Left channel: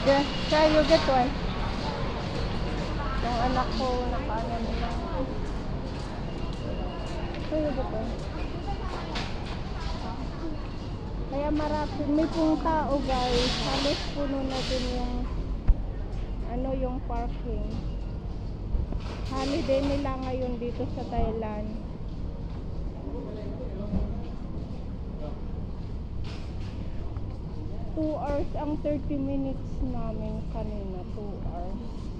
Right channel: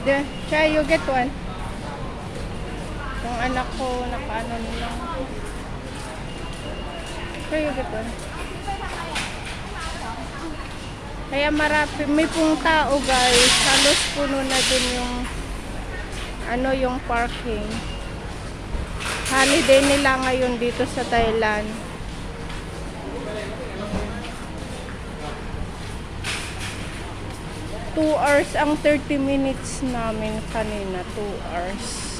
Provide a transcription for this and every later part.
The, kaya you get one. Yung anak ko, nakaano nila. Kaya you get one. Kaya marami, may pong tao guys. Halos puno na din yung ano yung parking. Holiday nila ngayon dito sa Thailand. Two hours ang 30 minutes namin kanina. Two hours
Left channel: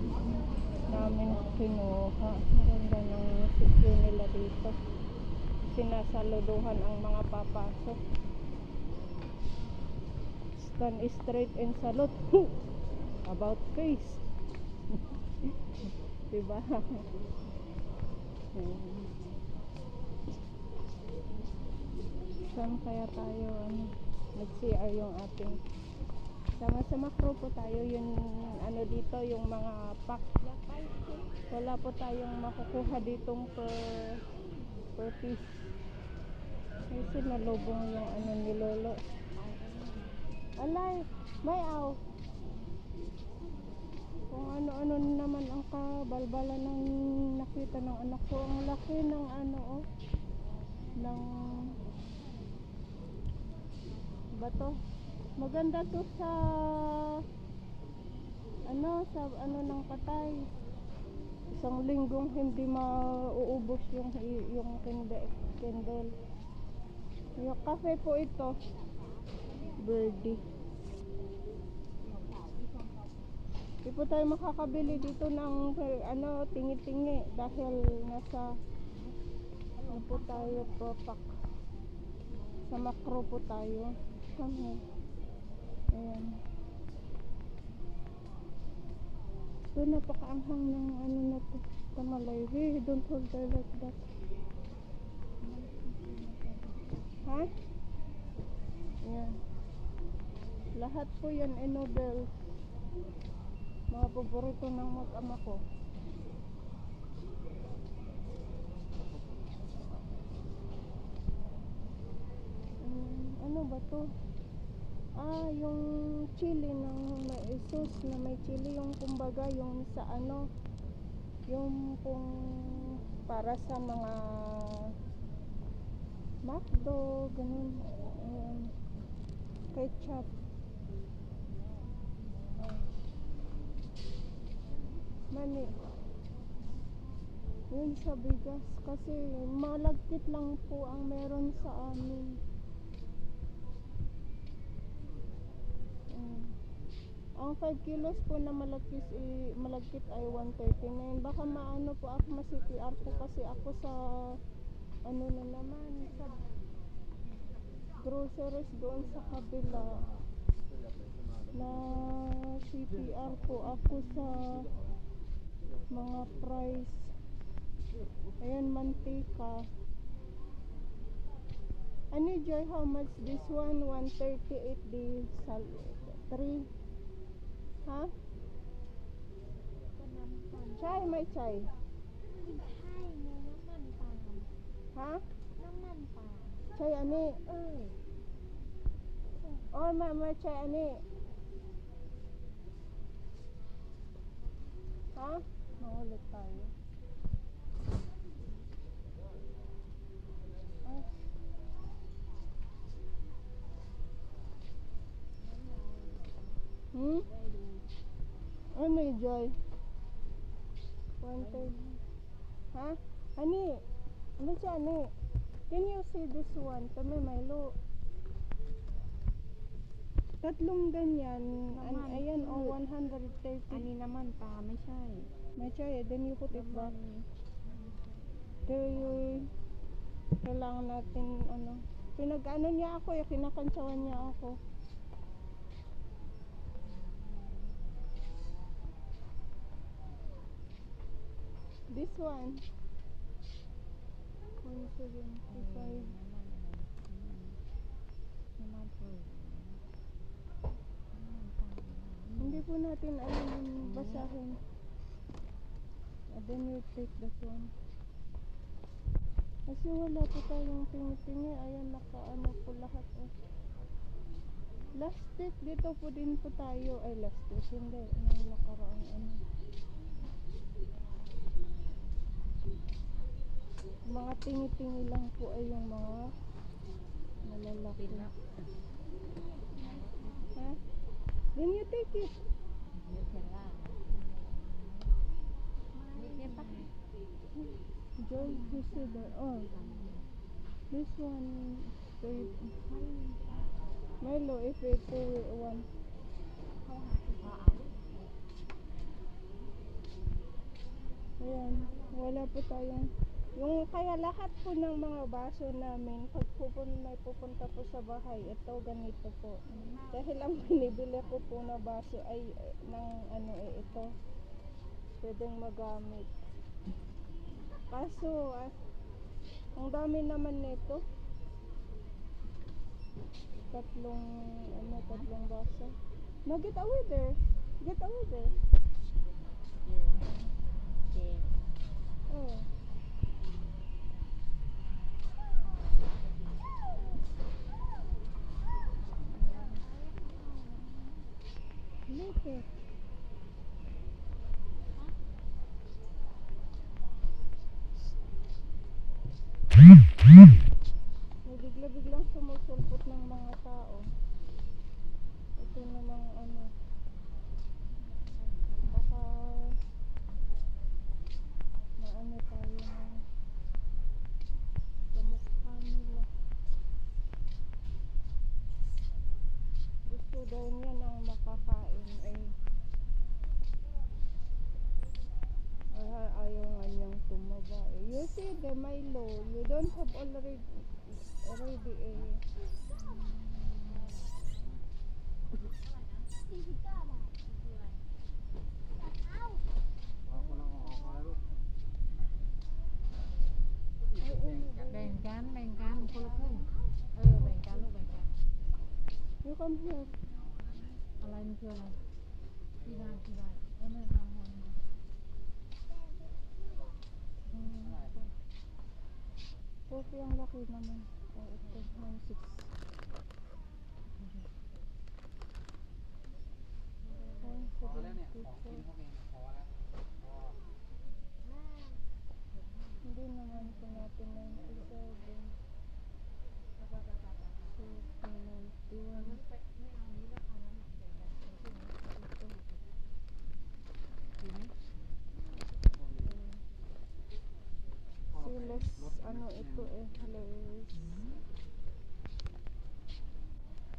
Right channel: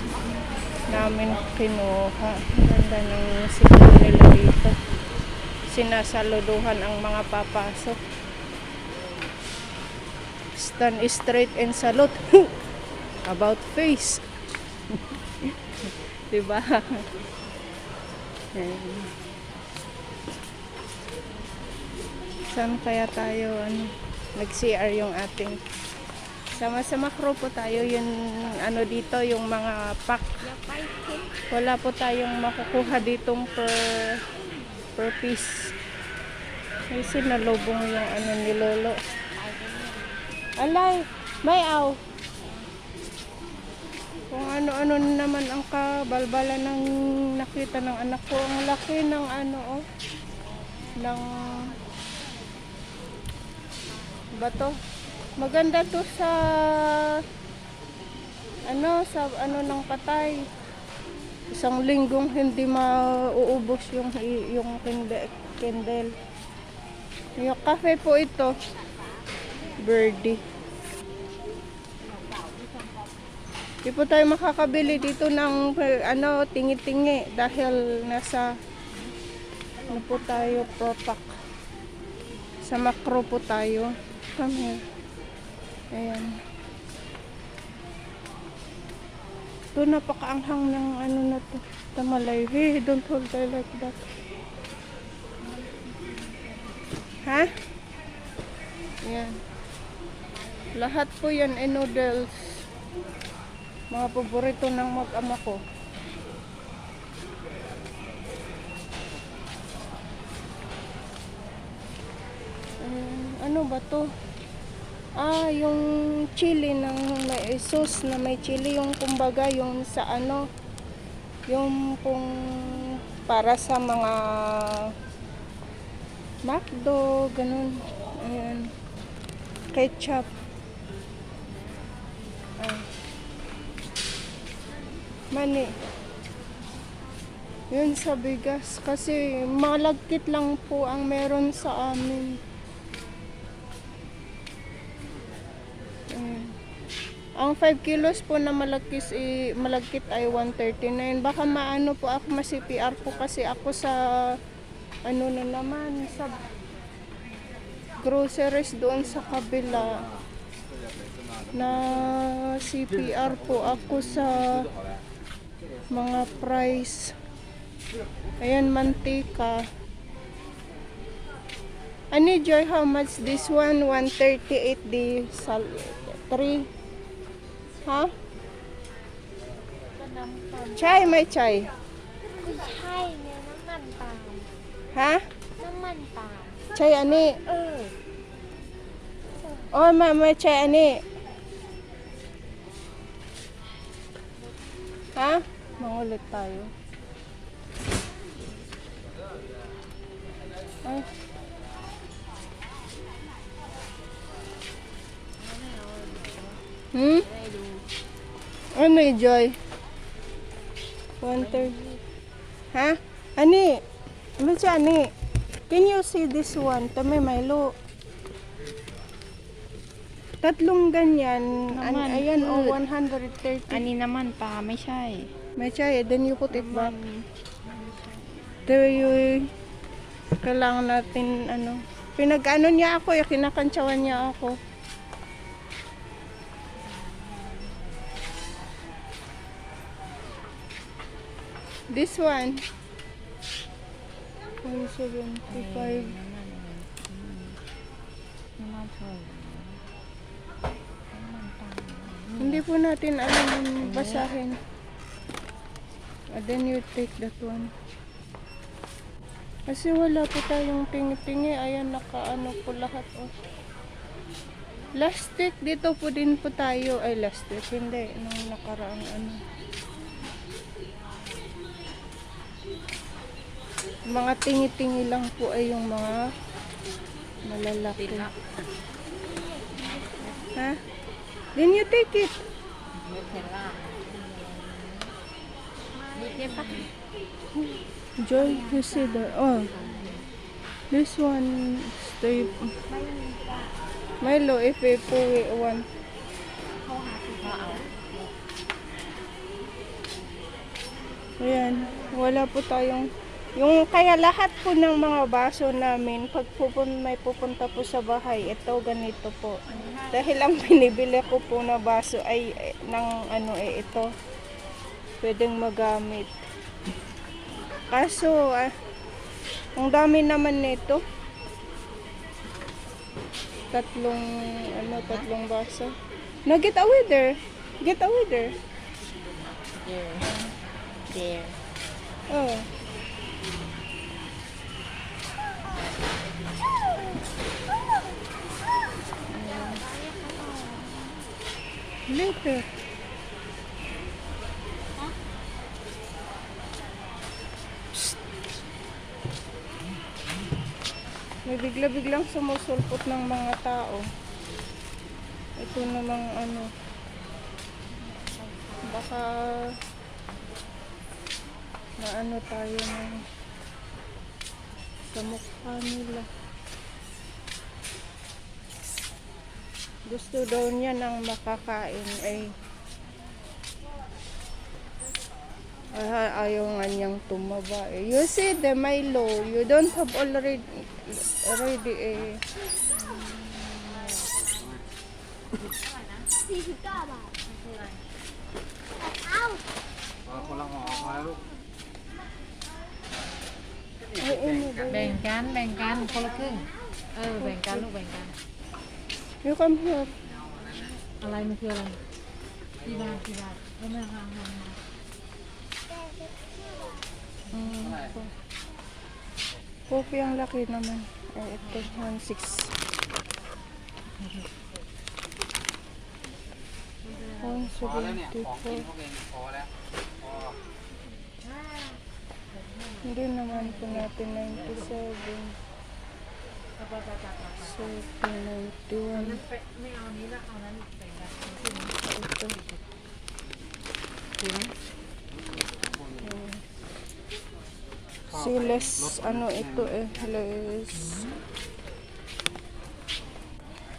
namin kinuha. Ganda ng sigaw nila dito. Sinasaluduhan ang mga papasok. Stand straight and salute. About face. diba? Saan kaya tayo ano, nag-CR yung ating sama-sama crew po tayo. Yung ano dito yung mga pack. Wala po tayong makukuha ditong per per piece. Kasi nalubong yung ano ni Lolo. Alay may aw. Kung ano-ano na naman ang kabalbala ng nakita ng anak ko. Ang laki ng ano oh ng bato maganda to sa ano sa ano ng patay isang linggong hindi mauubos yung yung candle yung cafe po ito birdie Di po tayo makakabili dito ng ano, tingi-tingi dahil nasa ano po tayo, propak. Sa macro po tayo. Come here. Ayan. Ito napakaanghang ng ano na to. Tamalay. Hey, don't hold her like that. Ha? Ayan. Lahat po yan ay noodles mga paborito ng mag-ama ko. Ba to? Ah, yung chili ng may sauce na may chili yung kumbaga yung sa ano yung pong para sa mga McDo, ganun. Ayan. Ketchup. Ah. Mani. Yun sa bigas. Kasi malagkit lang po ang meron sa amin. Ang 5 kilos po na malagkis, i, malagkit ay 139. Baka maano po ako, ma-CPR po kasi ako sa ano na naman, sa groceries doon sa kabila na CPR po ako sa mga price. Ayan, mantika. Ani Joy, how much this one? 138 di sal 3. ฮะใช่ไม่ใช่ไม่ใช่เนี่ยน้ำมันปาล์มฮะน้ำมันปาล์มใช่อันนี้เออโอ้ยไม่ไม่ใช่อันนี้ฮะมองเลยตายอะ Hmm? Ano may joy? 130. Ha? Ani? Ano siya, ani? Can you see this one? Tama, may lo. Tatlong ganyan. An, ayan, o, oh, 130. Ani naman pa, may siya eh. May siya. Eh, then you put it back. There you... Kailangan natin, ano... Pinag-ano niya ako eh. Kinakantsawan niya ako. This one. 175. Hindi po natin alam yung basahin. And then you take that one. Kasi wala po tayong tingi-tingi. Ayan, nakaano po lahat. Oh. Last week, dito po din po tayo. Ay, last week, hindi. Nung nakaraang ano. Mga tingi-tingi lang po ay yung mga malalaki. Ha? Then you take it. Joy, you see that? Oh. This one, stay. Milo, if we pull it one. Ayan, wala po tayong yung kaya lahat po ng mga baso namin pag pupun, may pupunta po sa bahay ito ganito po. Dahil ang binibili ko po na baso ay eh, ng ano eh ito. Pwedeng magamit. Kaso ah, ang dami naman nito. Tatlong ano tatlong baso. Na get away there get away there There. There. oh Psst. May bigla-biglang sumusulpot ng mga tao. Ito namang ano. Baka na ano tayo ng sa mukha nila. Gusto daw niya ng makakain ay Ah, ayaw nga niyang tumaba eh. You see the Milo, you don't have already already eh. Ay, ano ba yun? แบ่งกัน แบ่งกัน คนละครึ่ง เออ แบ่งกัน ลูก แบ่งกัน You come here. อะไรมันคืออะไรกีบากีบาเอามาค่ะเอามาอืม Coffee ang laki naman. Ay, ito, 1.6. พอแล้วเนี่ย ของกินพวกเองพอแล้ว Hindi naman po natin 97. So, pinagduan. Ito. Diba? Si Les, ano ito eh, Les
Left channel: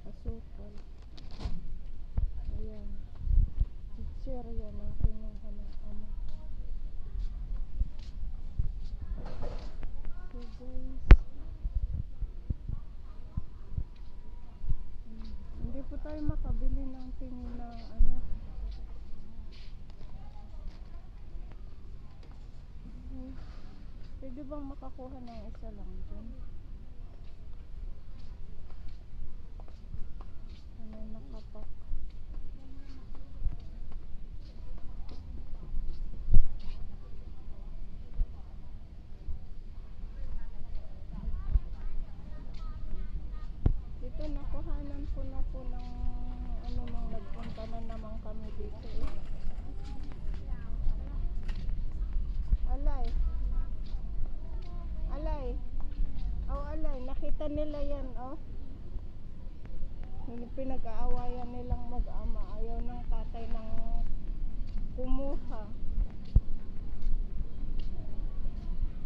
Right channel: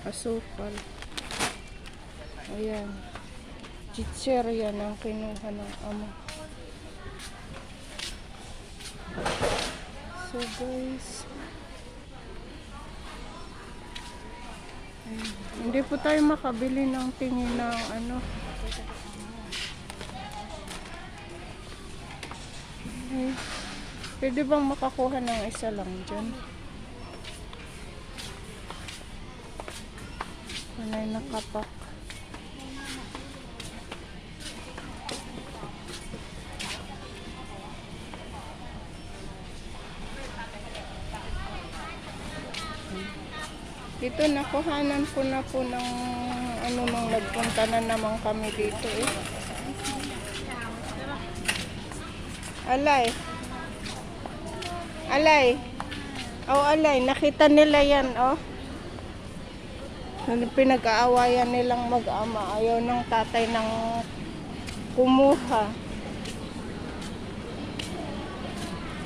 asukal. Ayan. Chicher yan ang kinuha ng ama. So guys, hindi po tayo makabili ng tingin ng ano. Ay, pwede bang makakuha ng isa lang dyan? Wala nakapak. Dito nakuhanan ko na po ng ano nung nagpunta na naman kami dito eh. Alay. Alay. Oh, alay. Nakita nila yan, oh. Nung Pinag-aawayan nilang mag-ama. Ayaw ng tatay ng kumuha.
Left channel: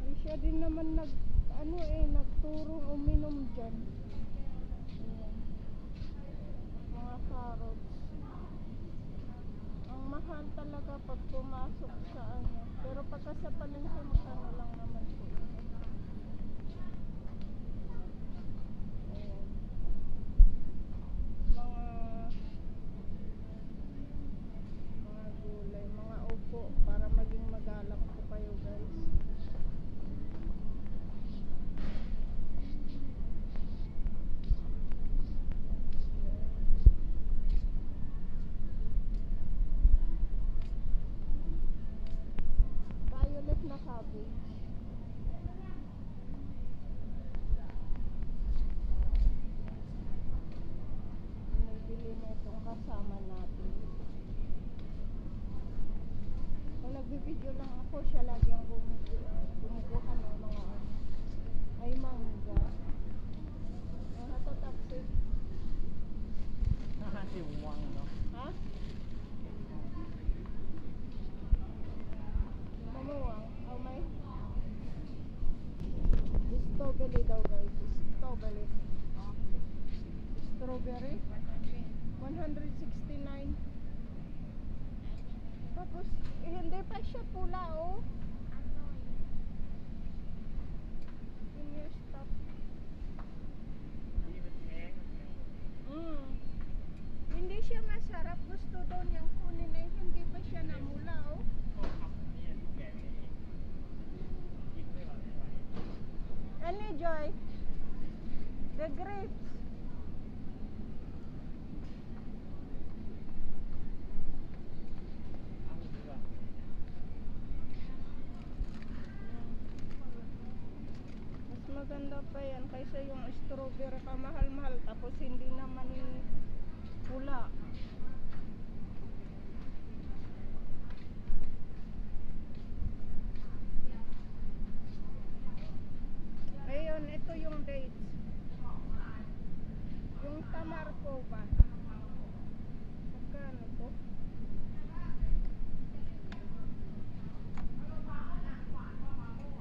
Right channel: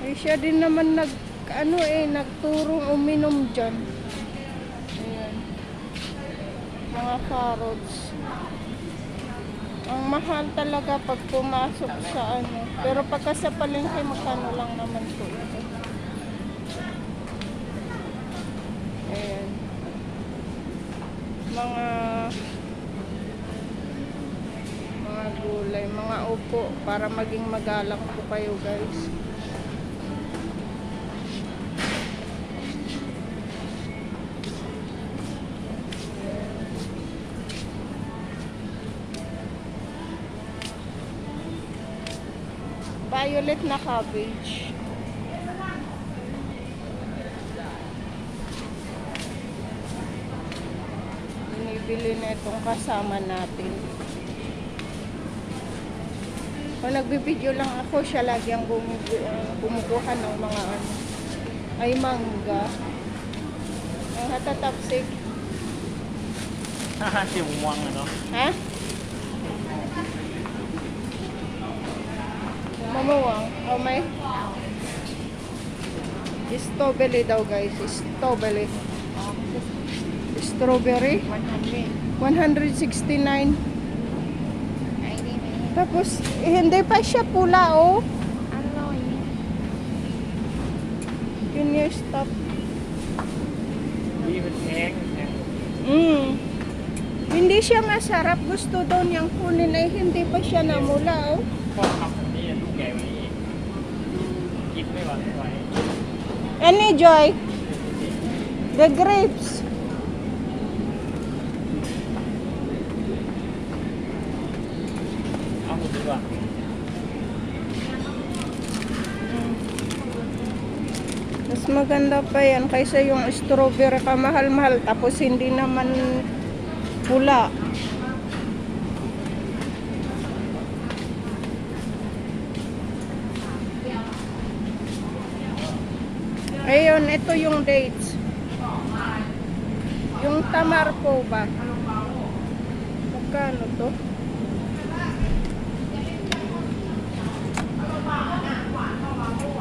Eh, siya din naman nag, ano eh, nagturong uminom dyan. Ayan. Mga carrots. Ang mahal talaga pag pumasok sa ano. Pero pagka sa palengke, magkano lang naman ito. Ayan. Mga mga gulay, mga upo para maging magalang po kayo guys. Violet na cabbage. Binibili na itong kasama natin. Kung nagbibideo lang ako, siya lagi ang kumukuha ng mga ano. Ay, mangga. Ang hatatapsik. Haha, si Wang ano? Ha? Mamawang. Oh, may strawberry daw guys. Strawberry. Strawberry. 169. Tapos, eh, hindi pa siya pula, oh. Can you stop? Mm. Hindi siya masarap. Gusto daw niyang kunin ay hindi pa siya namula, oh. Any joy? The grapes. Mas maganda pa yan kaysa yung strawberry kamahal-mahal tapos hindi naman pula. Ngayon, ito yung dates. Yung tamar po ba? Magkano to?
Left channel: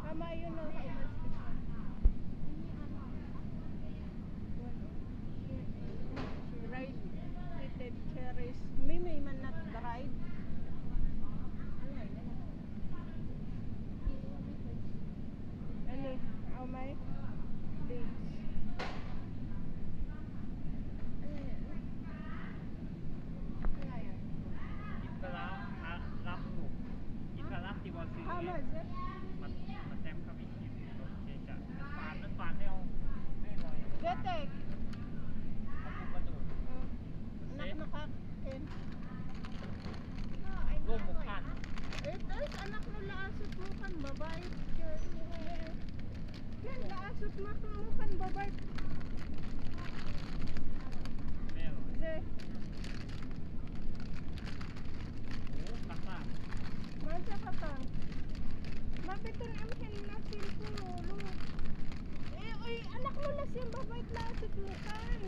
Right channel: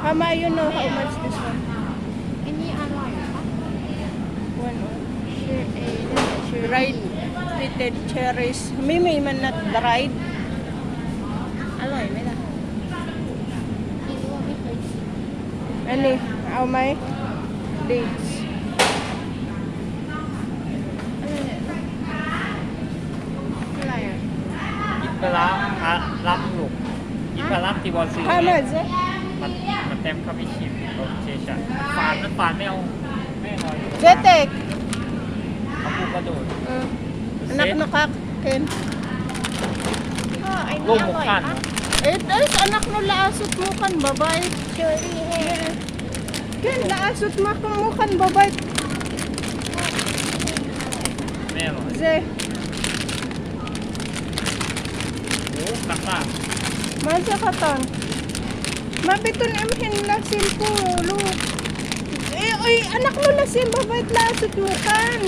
Ama, you know how much this one? Any ano One. Oh, dried eh, treated cherries. Mimi man not dried. Ano, may na. Ano? Eh? เอาไหมดีกินปลาร้าอะรับลูกอิปลาที่บอลซี How ยมันมันเต็มเข้าไปชิมโรสเชชันฟานนั้นฝานไม่เอาไม่เอาเลยกูกระโดด Mm. Anak Set. อันนี้ลูกอหมูร่อยขั้น ปะ Eh, dahil sa anak nula asot mo kan, babae. Cherry hair. Ken, naasot makamukan babay. Meron. Ze. Oh, kata. Masa katon. Mabiton emhin na simpo, lo. Eh, oy, anak mo na sim babay naasot mo kan.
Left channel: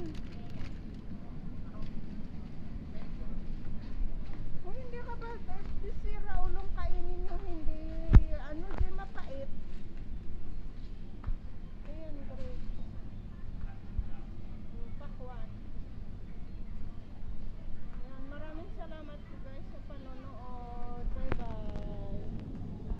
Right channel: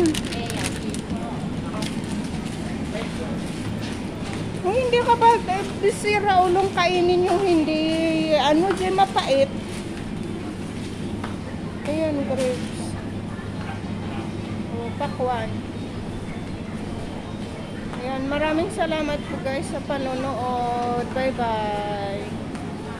Kung hindi ka ba eh, sira ulong kainin yung hindi ano dyan mapait. Ayan, grapes. O, pakwan. Ayan, maraming salamat po guys sa panonood. Bye-bye.